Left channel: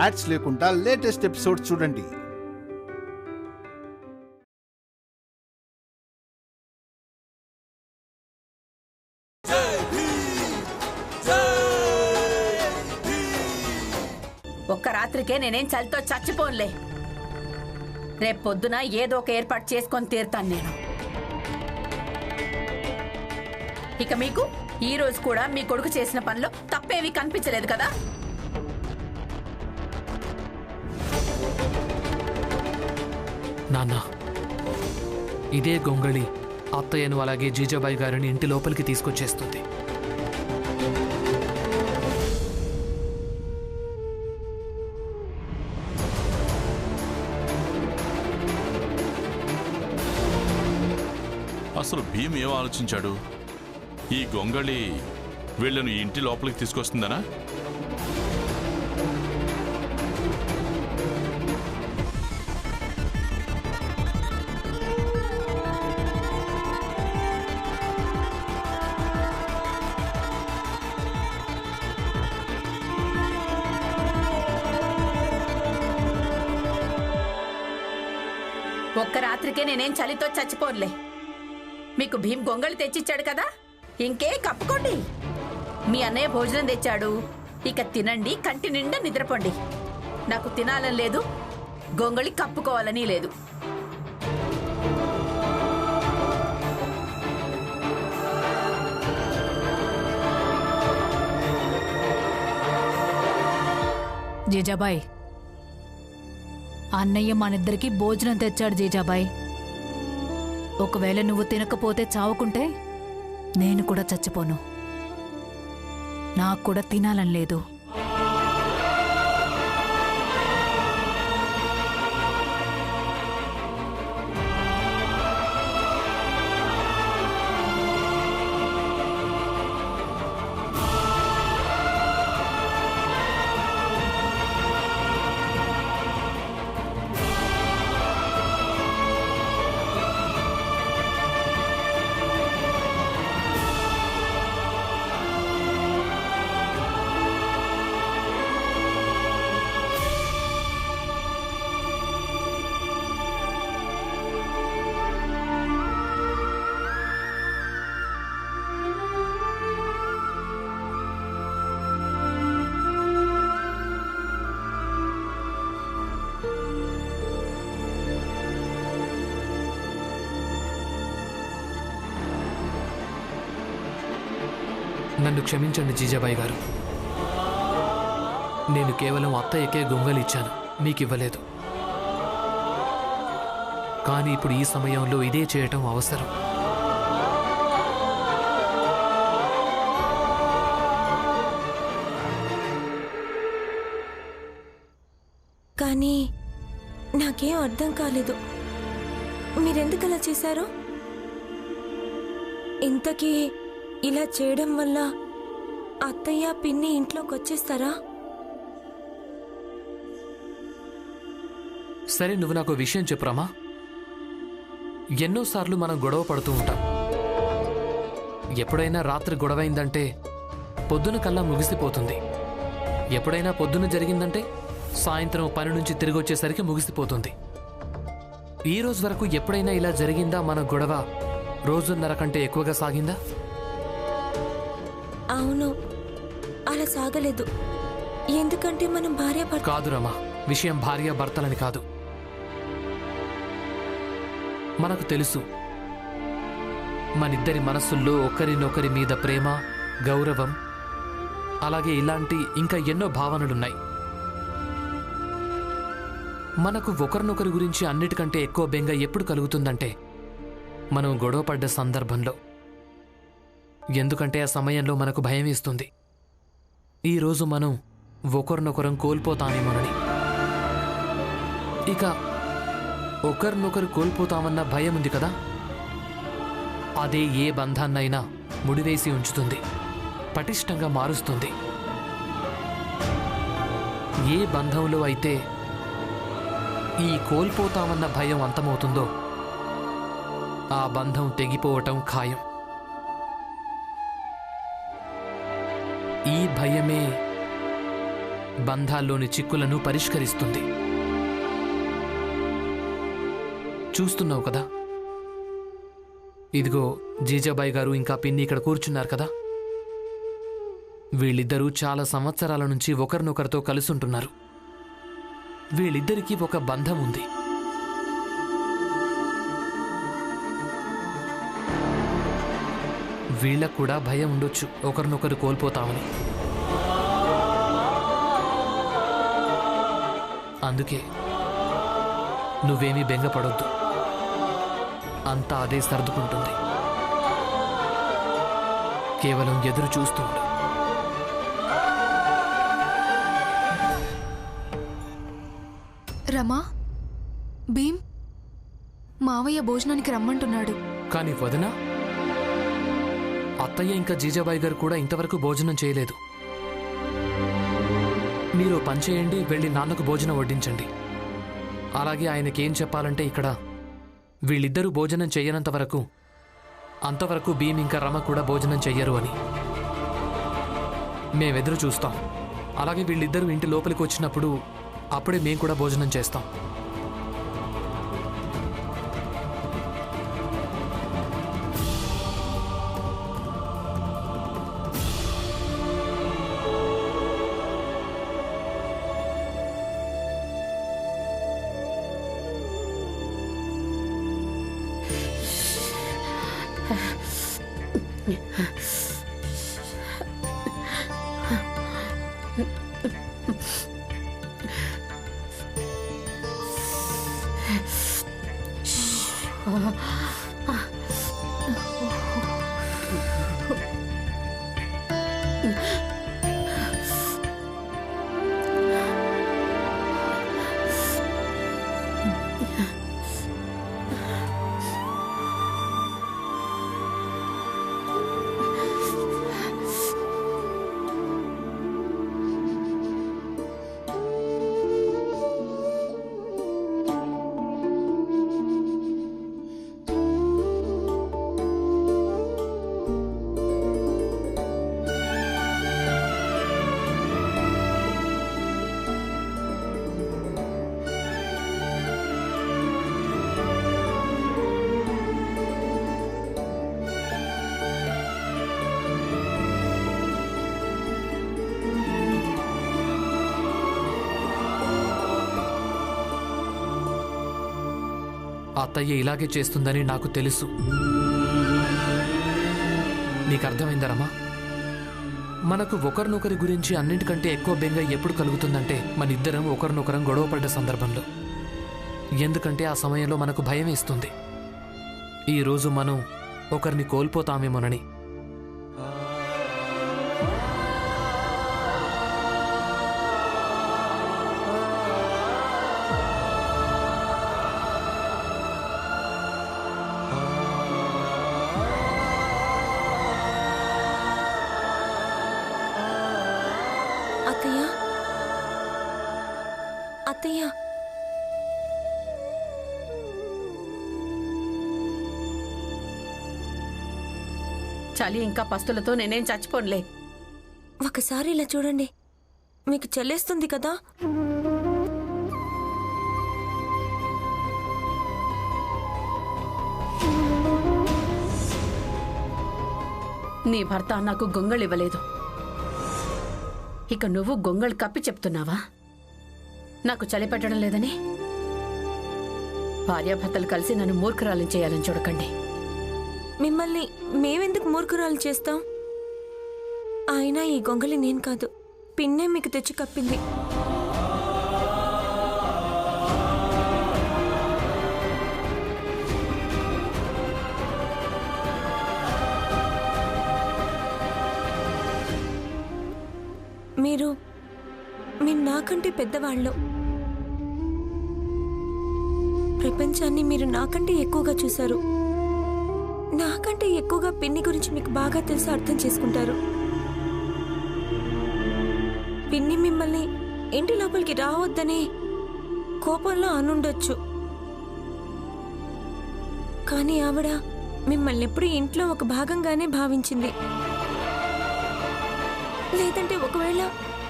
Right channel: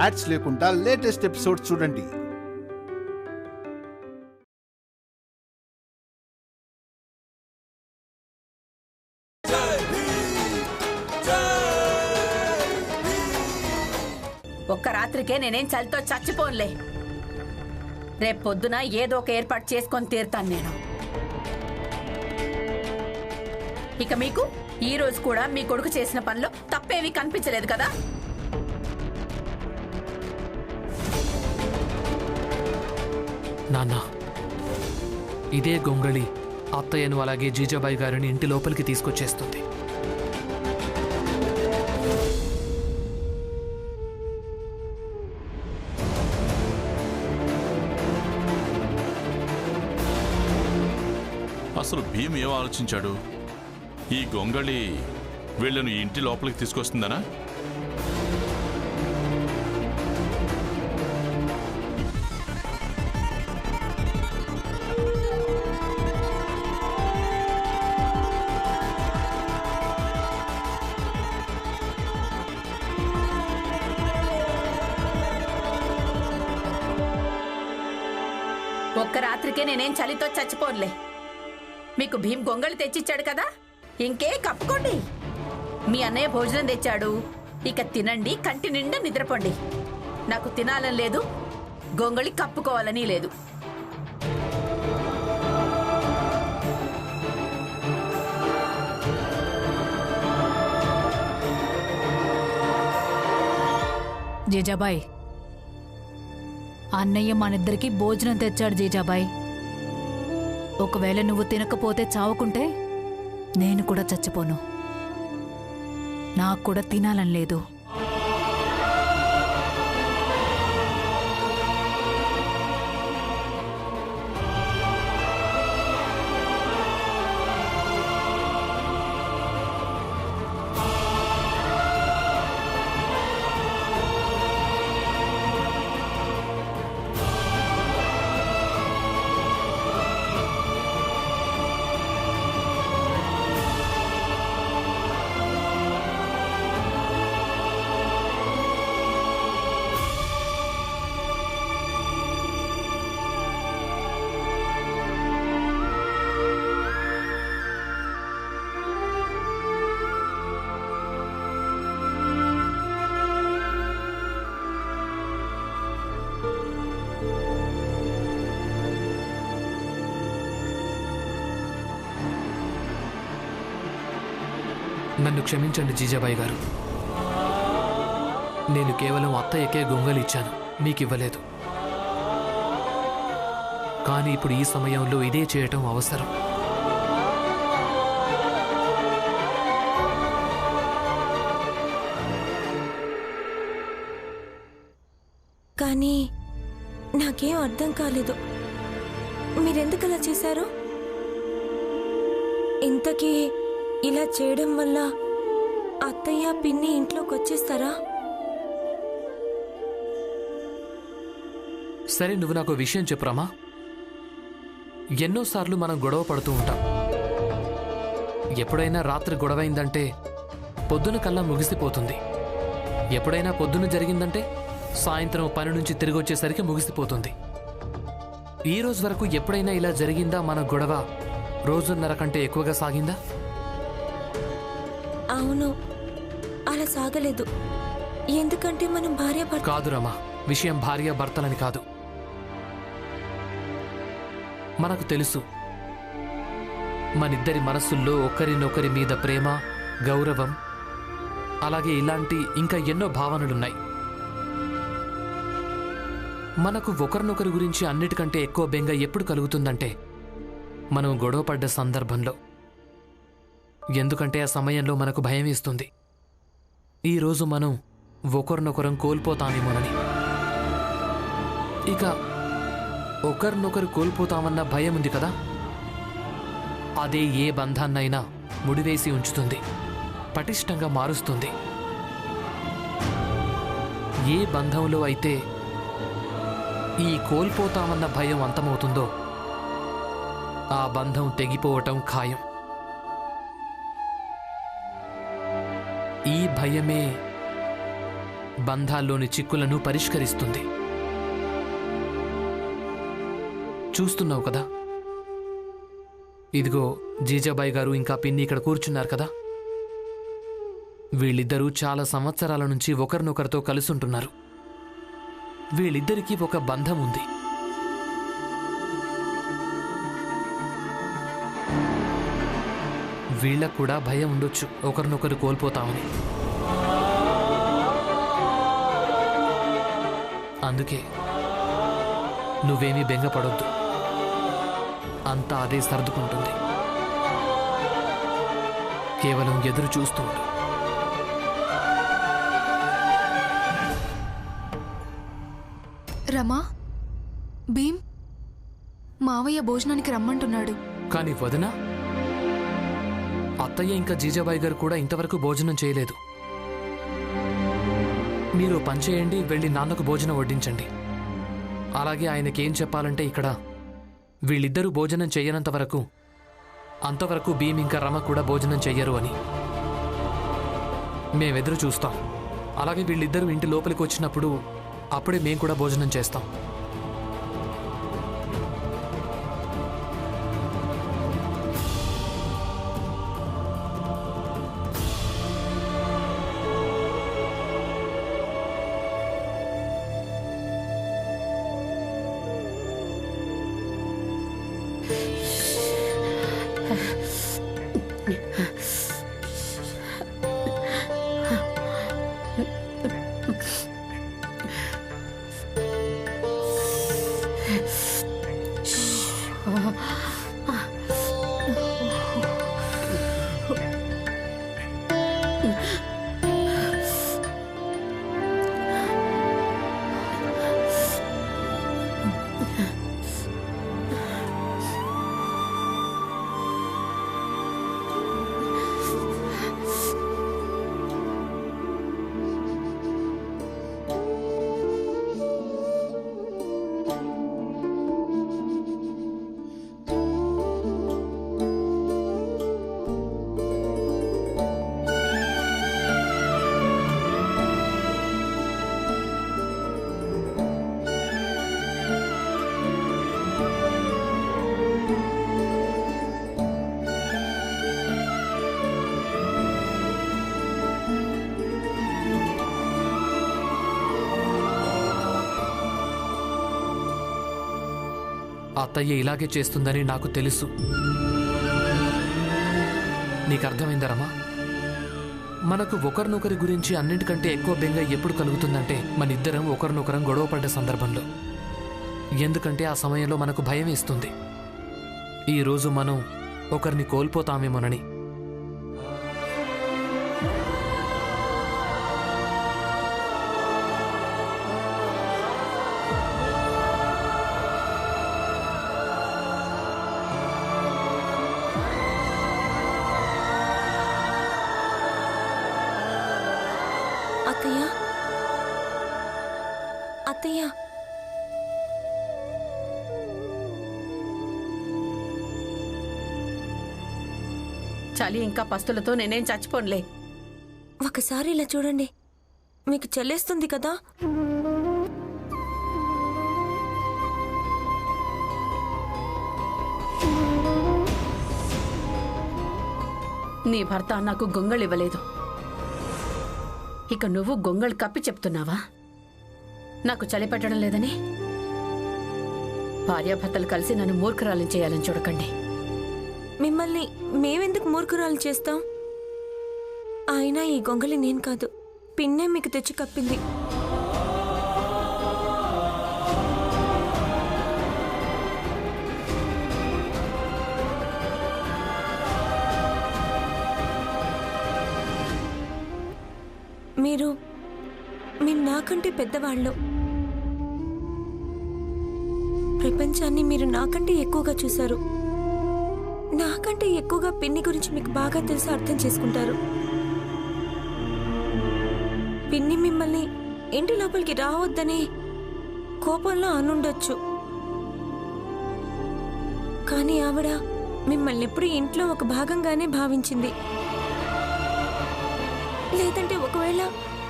Ads లేకుండా latest episodes చూడండి. ఒక్క రాత్రికే నేనేం చలితో చచ్చిపోన్లే. రేపు పొద్దున ఏదో ఒక ఏర్పాటు చేసుకొని తీరుతాను నేను. ఇక మీకు ఈ రోజు కూడా మీ కొడుకు చేసిన పనిలో తప్పేవి కనిపించలేదు కదా? నాన్న, ఇదే గొంగళి అత్తయ్యను అలాగే జీజాబాయి గారిని ఇంటి లోపలికి తీసుకొచ్చేస్తుంది. అసలు భీమ్ ఏం ఆలోచించాడు? ఈ గొంగళి వీళ్ళను ఇంటి లోపలికి తీసుకొస్తుందనా? ఒక్క రాత్రికే నేనేం చలితో చచ్చిపోన్లే. మీకు భీమ్ గొంగళి తెచ్చిచ్చాడు కదా, ఇంకే కప్పుకోండి. మీ అన్నయ్య భోజనం తెచ్చాడు, ఇక తినండి, కంటి నిండా నిద్రపోండి. నాకు తినాలని లేదు, గొంగళి కప్పుకోవాలని లేదు. జీజాబాయ్, అన్నయ్య మనిద్దరికి భోజనం తెచ్చాడు జీజాబాయ్. ఒకవేళ నువ్వు తినకపోతే చావుకుంటే నేను కూడా చచ్చిపోను. నాకు కూడా తినాలని లేదు. నన్ను క్షమించండి జీజాబాయి గారు. నేను కేవలం అత్తయ్యకే గొంగలి ఇచ్చాను, మీకివ్వలేదు. కానీ ఇప్పుడు ఈ సమయంలో ఇదే చేయటం అవసరం. కానీ నాకేం అర్థం కాలేదు, మీరెందుకలా చేశారు? ఇంతకీ ఇలా చేయడం వల్ల అత్తయ్య పిన్ని ఇంట్లోకి వచ్చేస్తారా? సరే, నువ్వు నాకు విషయం చెప్పురామా. ఎన్నోసార్లు మనం గొడవ పడుతూ ఉంటాం. ఎప్పుడైనా రాత్రి గొడవైందంటే పొద్దున కల్లా ముగిసిపోతుంది. ఎప్పుడైనా పొద్దున జరిగిందంటే సాయంత్రం పని నుంచి తిరిగి వచ్చేసరికి ముగిసిపోతుంది. ఈ రోజు వరకు ఎప్పుడైనా ఇలా జరిగిందా? మన గొడవ రోజున్నర కంటే ఎక్కువగా సాగిందా? అవును, అలా సాగలేదు. ఎందుకంటే మనం భార్యాభర్త. కాదు రమా, విషయం భార్యాభర్తలని కాదు. మనకు తెలుసు, మనిద్దరి మనస్సుల్లో ఒకరినొకరి మీద ప్రేమ, గౌరవం, అలాగే ఇలాంటి ఇంకా ఎన్నో భావనలున్నాయి. మనకు ఒకరినొకరి గురించి అన్నిటికంటే ఎక్కువ బెంగ ఎప్పుడు కలుగుతుందంటే మనం గొడవపడ్డ సందర్భంలో. ఎందుకంటే ఆ సమయంలో మనకు భయం వేస్తుంది, ఈరోజు మనం ఒకరినొకరం కోల్పోతామేమోనని. ఇక ఒకరినొకరు కోల్పోతామన్న భయం ఉంది కదా, అదే ఏ బంధాన్నైనా ముడివేసి ఉంచుతుంది, పటిష్టంగా మారుస్తుంది. ఏ బంధంలో అయితే ఈ కోల్పోతామన్న భయం అంతమవుతుందో ఆ బంధం తెగిపోవటం ఖాయం. ఈ భయమే బంధాల్లోని చిక్కులను పరిష్కరిస్తుంది. చూస్తున్నావు కదా, ఇదిగో జీజాబాయి గారు ఇంకా పిన్ని ఇక్కడ కూర్చున్నారు కదా. వీళ్ళిద్దరూ చాలా సంవత్సరాల నుంచి ఒకరినొకరితో కలుసుంటున్నారు. వీళ్ళిద్దరికీ ఒక బంధం ఉంది. వీళ్ళకు కూడా భయం ఉండొచ్చు ఒకరినొకరు కోల్పోతామని. అందుకే నువ్వేమీ బెంగపడొద్దు, అంతా అదే సర్దుకుంటుంది. కేవలం ఎదురు చూస్తూ ఉండు. రమా, భీమ్, మావయ్య భోజనానికి రమ్మంటున్నాడు. కానీ వదినా, అత్తయ్య ఇంకా జీజాబాయి గారు కూడా ఇంతవరకు భోజనం చేయలేదు. మీరు పనిచేయండి, వెళ్ళి నాన్నకు భోజనం వడ్డించండి. అలాగే ఆయనకేం చెప్పాలంటే ఇక్కడ వీళ్ళిద్దరూ భోజనం చెయ్యనంత వరకు అంతవరకు భీమ్ ఇంకా రమ కూడా భోజనం చెయ్యరు అని. మేమెదురు చూస్తాం. అలాగే వీళ్ళిద్దరూ ఇంటి లోపలికి వచ్చినప్పుడు అప్పుడే మేం కూడా భోజనం చేస్తాం. అత్తయ్య ఇలాగే చేస్తుందని నాకు తెలుసు. నీకు అర్థమైందా రమా? మనకు ఒకరినొకరి గురించి అన్నింటికంటే ఎక్కువ బెంగ ఎప్పుడు కలుగుతుందంటే మనిద్దరం ఒకరినొకరం గొడవపడ్డ సందర్భంలో. ఎందుకంటే ఆ సమయంలో మనకు భయం వేస్తుంది, ఈరోజు మనం ఒకరిని కోల్పోతామేమోనని. అత్తయ్య, అత్తయ్య, చలి ఇంకా పస్తులతో నేనేం చచ్చిపోనులే. ఒకసారి ఇలా చూడండి, మీకు చల్లేస్తుంది కదా. నీ భర్త నాకు గొంగళి ఇవ్వలేదు, ఇక నువ్వు గొంగళి కప్పి చెప్తున్నావా నాకు చలి పెట్టడం లేదని? భార్యాభర్తలు కలిసి నన్ను మూర్ఖురాలను చేయాలని చూడకండి. మిమ్మల్ని మేమెందుకు మూర్ఖురాలు చేస్తాం? అయినా ఈ గొంగలి నేను కాదు, పిన్నే మీకు తెచ్చి కప్పింది. మీరు నాకంటే పెద్దవాళ్ళు. ప్రపంచాన్ని మీరు నాకంటే ఎక్కువగా చూశారు. నాకంటే ఎక్కువగా పిన్ని గురించి మీకు బాగా తెలిసి అర్థం చేసుకుంటారు. పిన్ని మిమ్మల్ని ఇంటి లోపలికి రావద్దని కోపంలో అనుండొచ్చు, కానీ ఆవిడ మిమ్మల్ని ఎప్పుడు ఇంట్లో ఒక భాగంగానే భావించింది. లేదంటే ఒకవేళ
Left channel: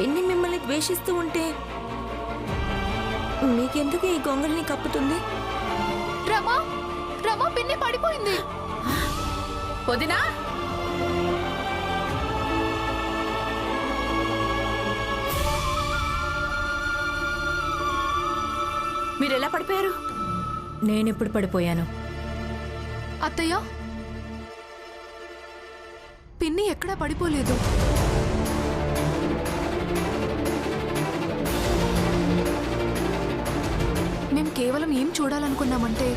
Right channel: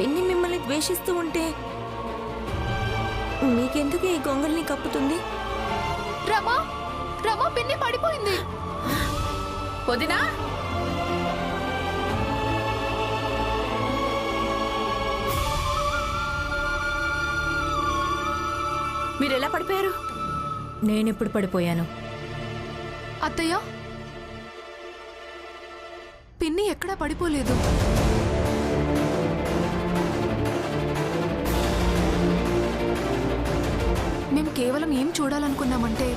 పిన్ని మిమ్మల్ని ద్వేషిస్తూ ఉంటే మీకెందుకు ఈ గొంగల్ని కప్పుతుంది? రమా రమా పిన్ని పడిపోయింది. వదినా, మీరెలా పడిపోయారు? నేనెప్పుడు పడిపోయాను? అత్తయ్య, పిన్ని ఎక్కడా పడిపోలేదు. మేం కేవలం ఏం చూడాలనుకున్నామంటే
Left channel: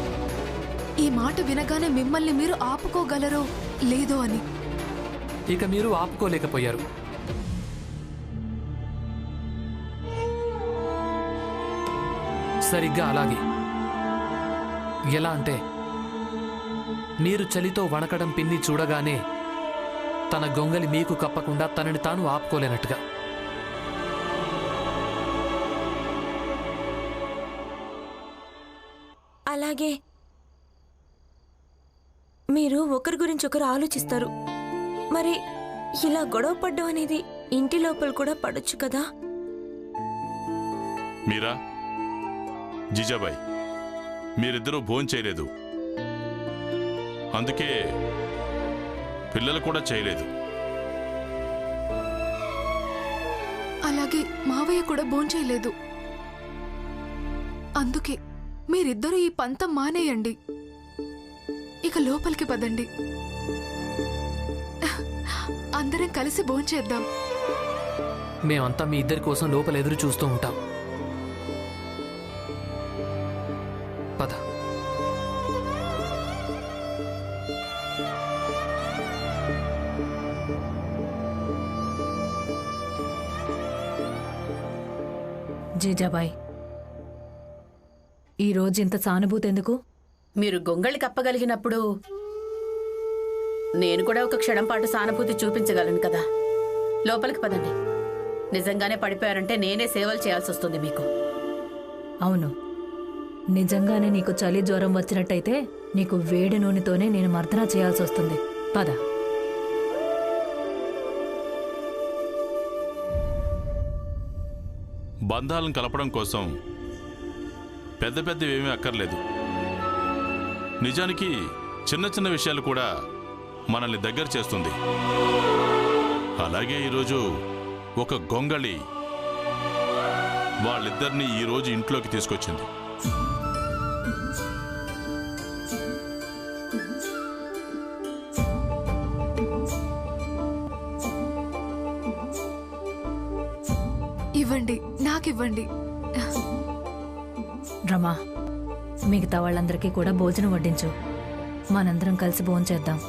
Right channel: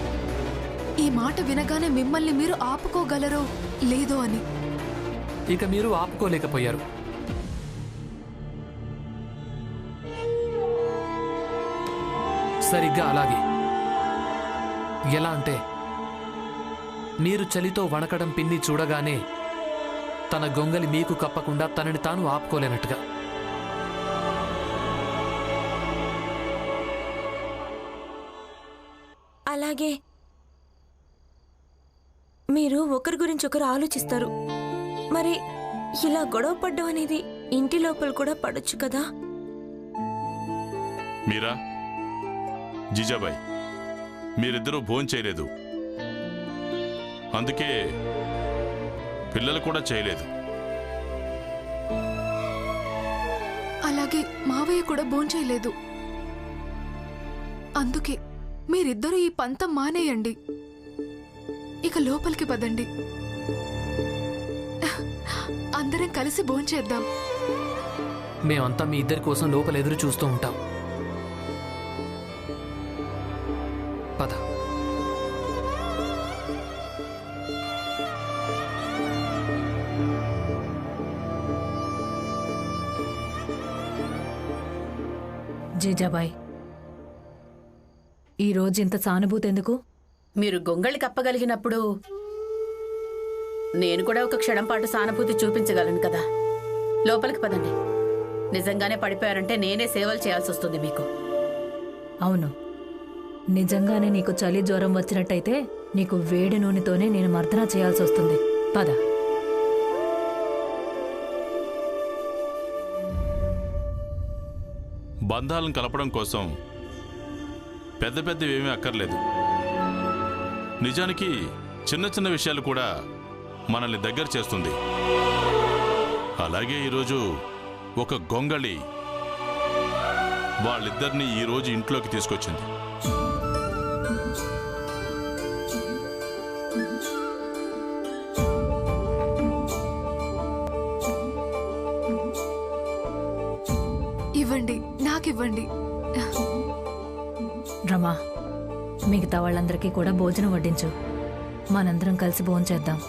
ఈ మాట వినగానే మిమ్మల్ని మీరు ఆపుకోగలరో లేదో అని. ఇక మీరు ఆపుకోలేకపోయారు. సరిగ్గా అలాగే. ఎలా అంటే మీరు చలితో వణకడం పిన్ని చూడగానే తన గొంగలి మీకు కప్పకుండా తనని తాను ఆపుకోలేనట్టుగా. అలాగే మీరు ఒకరి గురించి ఒకరు ఆలోచిస్తారు. మరి ఇలా గొడవ పడ్డం అనేది ఇంటి లోపల కూడా పడొచ్చు కదా? మీరా, జీజాబాయ్, మీరిద్దరూ భోంచేయలేదు, అందుకే పిల్లలు కూడా చేయలేదు. అలాగే మావయ్య కూడా భోంచేయలేదు. అందుకే మీరిద్దరూ ఈ పంతం మానేయండి. ఇక లోపలికి పదండి, అందరం కలిసి భోంచేద్దాం. మేమంతా మీ ఇద్దరి కోసం లోపల ఎదురు చూస్తూ ఉంటాం. పద. జీజాబాయ్, ఈరోజు ఇంత సానుభూతి ఎందుకు? మీరు గొంగళి కప్పగలిగినప్పుడు నేను కూడా ఒక క్షణం పాటు సానుభూతి చూపించగలను కదా. లోపలికి పదండి. నిజంగానే పడిపోయారంటే నేనే సేవలు చేయాల్సి వస్తుంది మీకు. అవును, నిజంగానే నీకు చలి జ్వరం వచ్చినట్టయితే నీకు వేడి నూనెతోనే నేను మర్దన చేయాల్సి వస్తుంది. పద. బంధాలను కలపడం కోసం పెద్ద పెద్దవేమీ అక్కర్లేదు. నిజానికి చిన్న చిన్న విషయాలు కూడా మనల్ని దగ్గర చేస్తుంది. అలాగే ఈరోజు ఒక గొంగళి వాళ్ళిద్దరినీ ఈరోజు ఇంట్లోకి తీసుకొచ్చింది. ఇవ్వండి, నాకివ్వండి. రమా, మిగతా వాళ్ళందరికీ కూడా భోజనం వడ్డించు. మనందరం కలిసి భోంచేద్దాం.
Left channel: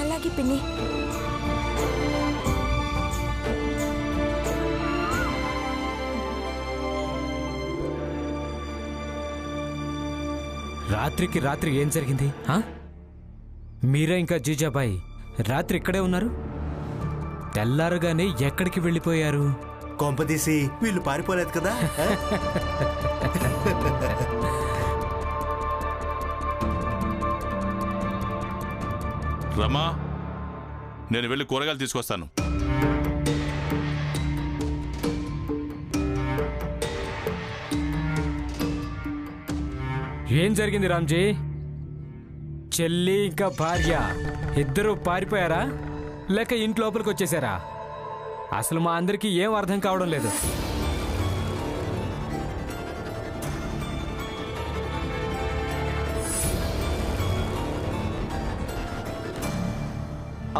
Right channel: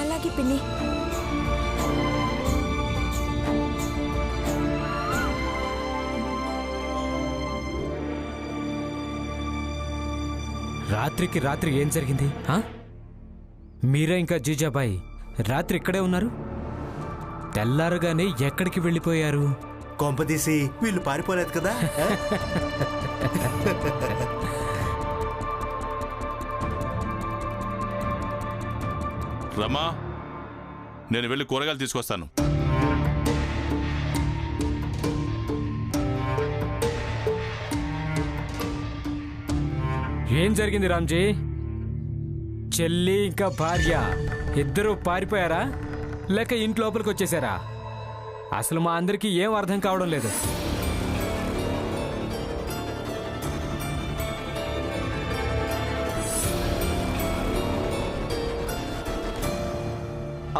అలాగే పిన్ని. రాత్రికి రాత్రి ఏం జరిగింది? మీరే ఇంకా జీజాబాయ్ రాత్రి ఇక్కడే ఉన్నారు? తెల్లారుగానే ఎక్కడికి వెళ్ళిపోయారు? కొంపదీసి వీళ్ళు పారిపోలేదు కదా? రమా, నేను వెళ్ళి కూరగాయలు తీసుకొస్తాను. ఏం జరిగింది రామ్జీ? చెల్లి ఇంకా భార్య ఇద్దరూ పారిపోయారా లేక ఇంటి లోపలికి వచ్చేసారా? అసలు మా అందరికీ ఏం అర్థం కావడం లేదు.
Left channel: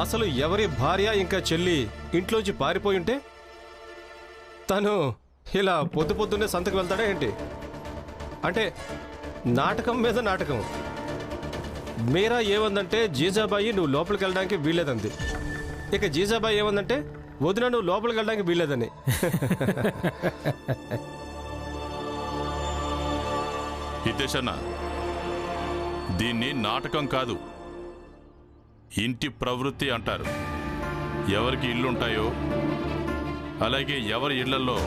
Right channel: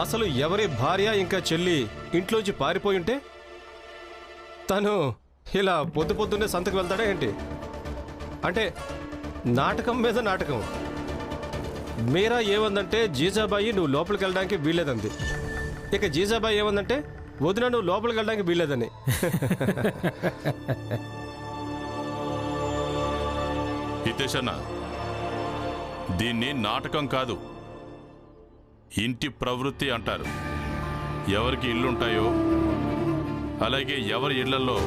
అసలు ఎవరి భార్య ఇంకా చెల్లి ఇంట్లోంచి పారిపోయి ఉంటే తను ఇలా పొద్దు పొద్దున్నే సంతకు వెళ్తాడా ఏంటి? అంటే నాటకం మీద నాటకం. మీరా ఏమందంటే జీజాబాయి నువ్వు లోపలికి వెళ్ళడానికి వీల్లేదంది. ఇక జీజాబాయి ఏమందంటే వదిన నువ్వు లోపలికి వెళ్ళడానికి వీల్లేదని. హితేషన్న, దీన్ని నాటకం కాదు, ఇంటి ప్రవృత్తి అంటారు. ఎవరికి ఇల్లుంటాయో అలాగే ఎవరి ఇళ్లలో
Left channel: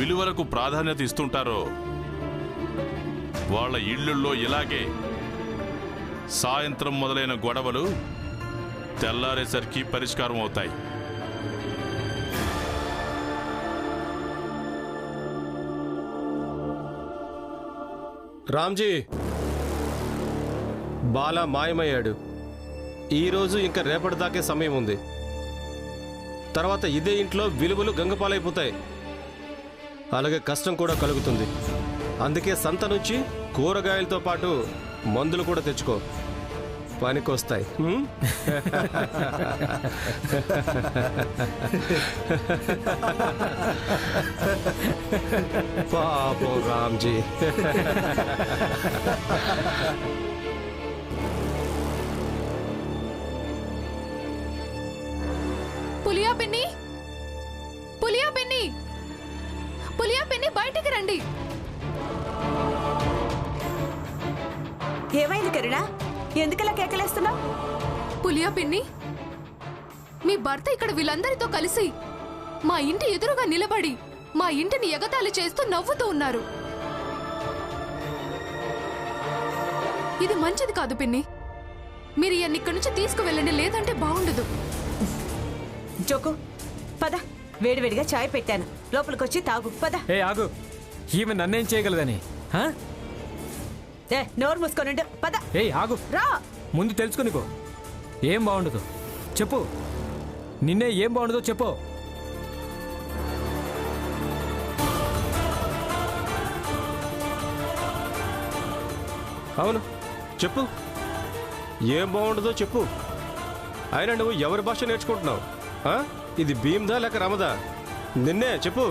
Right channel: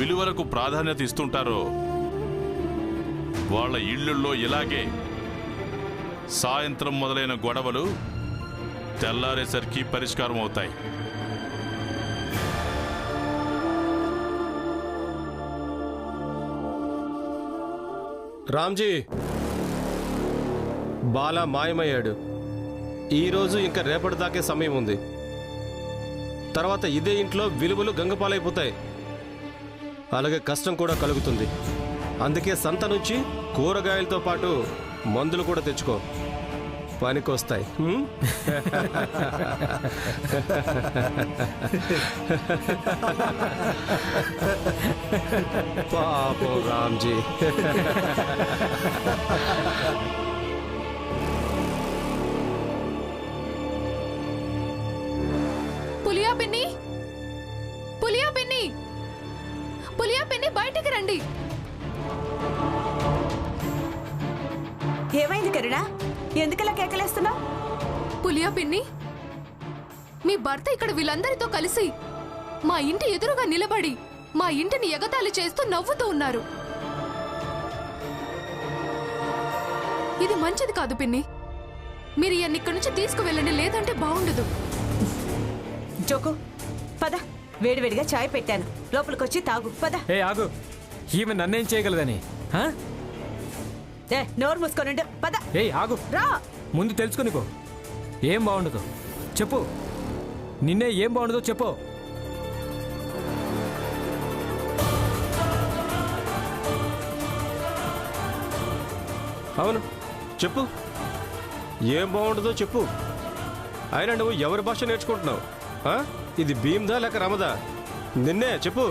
విలువలకు ప్రాధాన్యత ఇస్తుంటారో వాళ్ళ ఇళ్లుల్లో ఇలాగే సాయంత్రం మొదలైన గొడవలు తెల్లారేసరికి పరిష్కారం అవుతాయి. రామ్జీ, బాలా మాయమయ్యాడు. ఈరోజు ఇంకా రేపటి దాకే సమయం ఉంది. తర్వాత ఇదే ఇంట్లో విలువలు గంగపాలైపోతాయి. అలాగే కష్టం కూడా కలుగుతుంది. అందుకే సంత నుంచి కూరగాయలతో పాటు మందులు కూడా తెచ్చుకో, పనికొస్తాయి. పాపం రామ్జీ. పులియా పిన్ని, పులియా పిన్ని, పులియా పిన్ని, బయటికి రండి. ఏమైంది కరుణ? ఎందుకలా కేకలేస్తున్నావు? పులియా పిన్ని, మీ భర్త ఇక్కడ వీళ్ళందరితో కలిసి మా ఇంటి ఎదురుగా నిలబడి మా ఇంటిని ఎగతాళి చేస్తూ నవ్వుతూ ఉన్నారు. ఇది మంచిది కాదు పిన్ని. మీరు ఇవన్నీ ఇక్కడి నుంచి తీసుకువెళ్ళండి, లేదంటే బాగుండదు. జోకు పద, వేడివేడిగా చాయ్ పెట్టాను, లోపలికొచ్చి తాగు. పద. ఏ ఆగు, ఈమె నన్నేం చేయగలదని? నోరు మూసుకోనండు. పద. ఏ ఆగు, రా. ముందు తెలుసుకునికో. ఏం బాగుండదు చెప్పు, నిన్నే ఏం బాగుండదో చెప్పు. అవును చెప్పు, ఏం బాగుండదో చెప్పు. అయినా నువ్వు ఎవరి భాష నేర్చుకుంటున్నావు? ఇది భీమ్దా లేక రమదా? నిన్నే చెప్పు.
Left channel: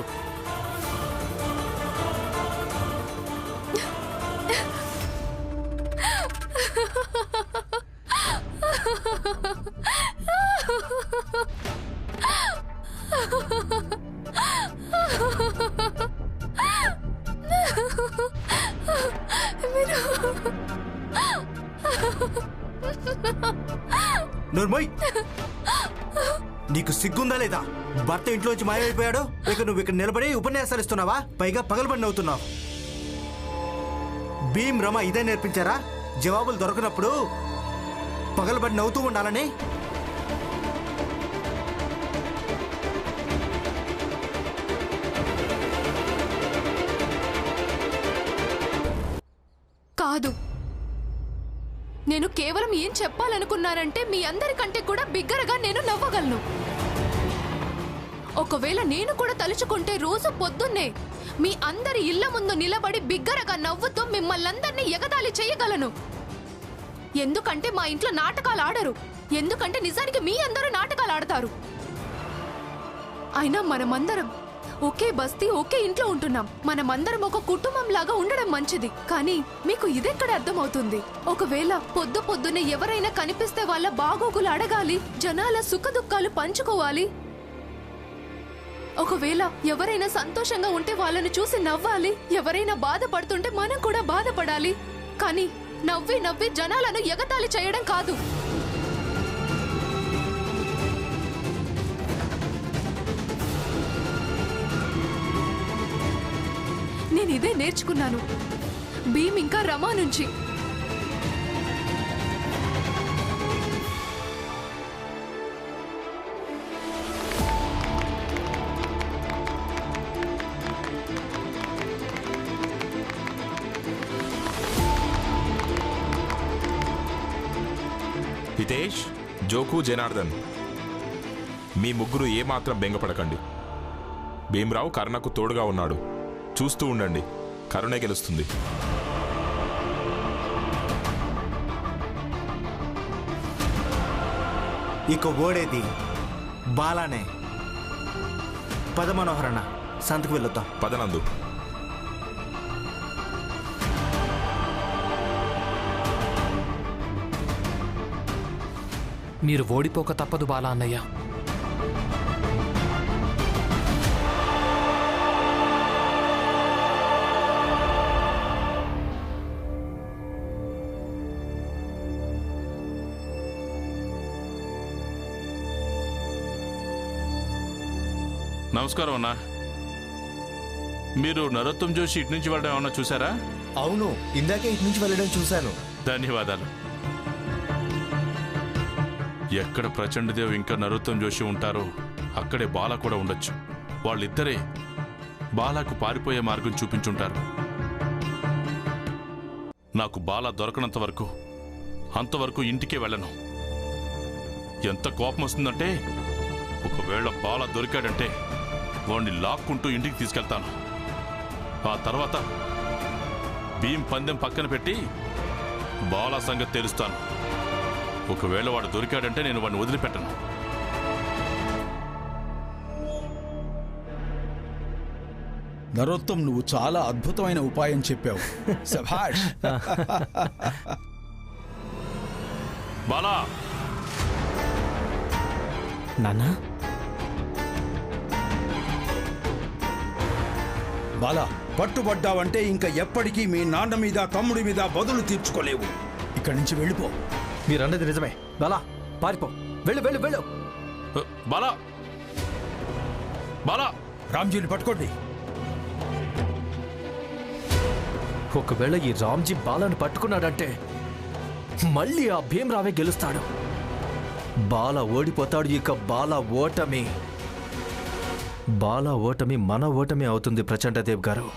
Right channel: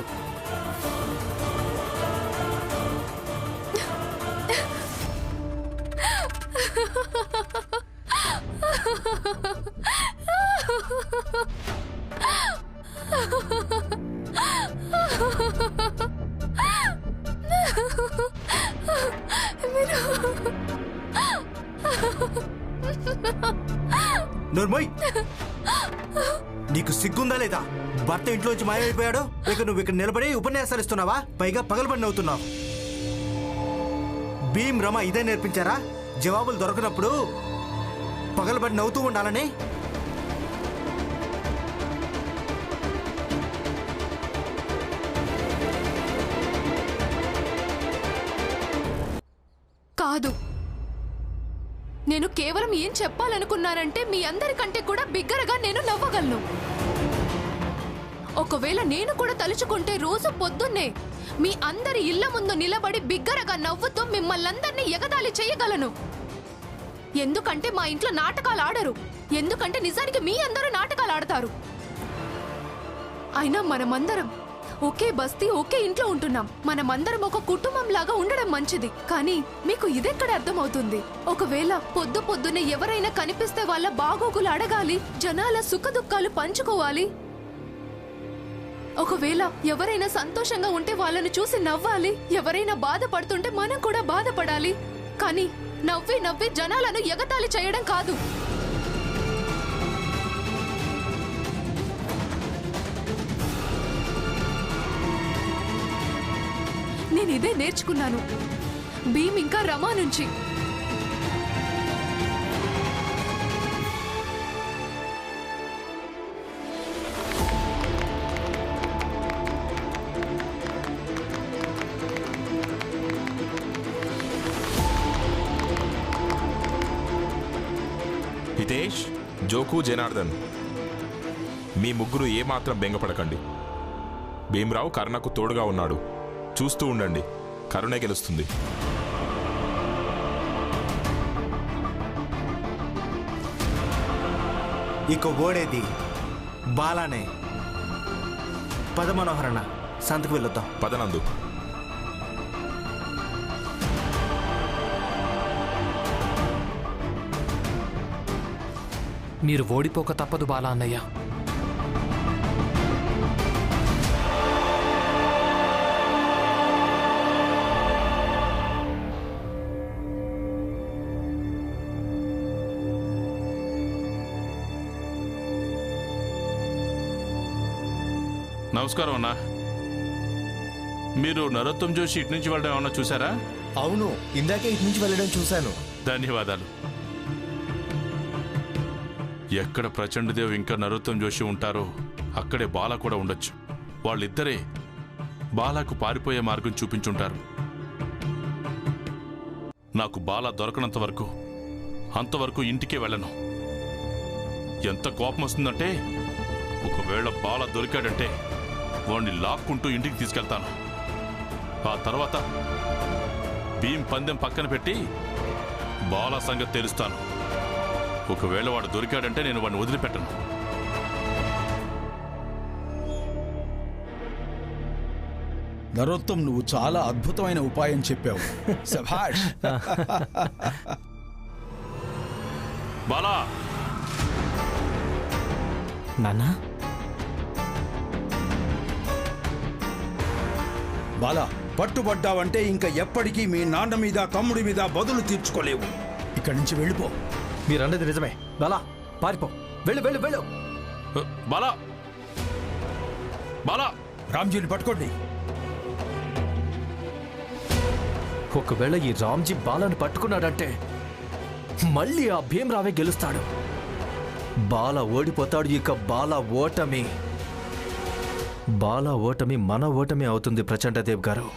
నోర్మోయ్, నీకు సిగ్గుందా లేదా? భర్త ఇంట్లోంచి మాయమైపోయాడు, ఇక నువ్వు ఇక్కడ నిలబడి ఉపన్యాసాలు ఇస్తున్నావా? పైగా పగలబడి నవ్వుతున్నావు. భీమ్ రమ ఇదే నేర్పించారా? జవాబులు దొరకనప్పుడు పగలబడి నవ్వుతూ ఉండాలని? కాదు, నేను కేవలం ఏం చెప్పాలనుకున్నానంటే మీ అందరికంటే కూడా బిగ్గరగా నేను నవ్వగలను. ఒకవేళ నేను కూడా తలుచుకుంటే రోజు పొద్దున్నే మీ అందరి ఇళ్ల ముందు నిలబడి బిగ్గరగా నవ్వుతూ మిమ్మల్నందరినీ ఎగతాళి చేయగలను. ఎందుకంటే మా ఇంట్లో నాటకాలు ఆడరు, ఎందుకంటే నిజానికి మీ అందరూ నాటకాలు ఆడతారు. అయినా మనమందరం ఒకే బస్తీ, ఒకే ఇంట్లో ఉంటున్నాం. మనమందరం ఒక కుటుంబం లాగా ఉండడం మంచిది. కానీ మీకు ఇదెక్కడ అర్థమవుతుంది? ఒకవేళ పొద్దున్నే ఎవరైనా కనిపిస్తే వాళ్ళ బాగోగులు అడగాలి, జనాల సుఖదుఖాలు పంచుకోవాలి. ఒకవేళ ఎవరైనా సంతోషంగా ఉంటే వాళ్ళను చూసి నవ్వాలి, ఎవరైనా బాధపడుతుంటే మనం కూడా బాధపడాలి. కానీ నవ్వి నవ్వి జనాలను ఎగతాళి చేయడం కాదు. నేను ఇదే నేర్చుకున్నాను భీమ్ ఇంకా రమా నుంచి. హితేష్, జోకు, జనార్దన్, మీ ముగ్గురు ఏమాత్రం బెంగపడకండి. భీమ్రావు కరుణకు తోడుగా ఉన్నాడు. చూస్తూ ఉండండి, కరుణే గెలుస్తుంది. ఇక ఓడేది బాలానే. పద మనోహరణ, సంతకు వెళ్ళొద్దాం. పదనందు. మీరు ఓడిపోక తప్పదు బాలా అన్నయ్య. నమస్కారం అన్నా. మీరు నరోత్తం జోషి ఇటు నుంచి వెళ్ళడం ఏమన్నా చూసారా? అవును, ఇందాకే ఇటు నుంచి వెళ్ళడం చూశాను. ధన్యవాదాలు. ఎక్కడ ప్రచండదేవ్ ఇంకా నరోత్తం జోషి ఉంటారో అక్కడే బాలా కూడా ఉండొచ్చు. వాళ్ళిద్దరే బాలాకు పారిపోయే మార్గం చూపించుంటారు. నాకు బాల దొరకనంత వరకు అంతవరకు ఇంటికే వెళ్ళను. ఎంత కోపం వస్తుందంటే ఒకవేళ బాల దొరికాడంటే వాణ్ణి లాక్కుంటూ ఇంటికి తీసుకెళ్తాను. ఆ తర్వాత భీం పందెం పక్కన పెట్టి బాల సంగతి తెలుస్తాను. ఒకవేళ వాడు దొరికాడంటే నేను వాడిని వదిలిపెట్టను. నరోత్తం, నువ్వు చాలా అద్భుతమైన ఉపాయం చెప్పావు. శభాష్. బాలా, నాన్నా బాలా, పట్టుబడ్డావంటే ఇంకా ఎప్పటికీ మీ నాన్న మీద తమ్ముడి మీద బదులు తీర్చుకోలేవు. ఇక్కడి నుంచి వెళ్ళిపో. మీరన్నది నిజమే. బాలా, పారిపో. వెళ్ళు వెళ్ళు వెళ్ళు. బాలా, బాలా. రామ్జీని పట్టుకోండి. ఒకవేళ ఈ రామ్జీ బాలను పట్టుకున్నాడంటే మళ్ళీ ఆ భీమరావే గెలుస్తాడు. బాల ఓడిపోతాడు. ఇక బాల ఓటమి మన ఓటమి అవుతుంది ప్రచండదేవ్ గారు.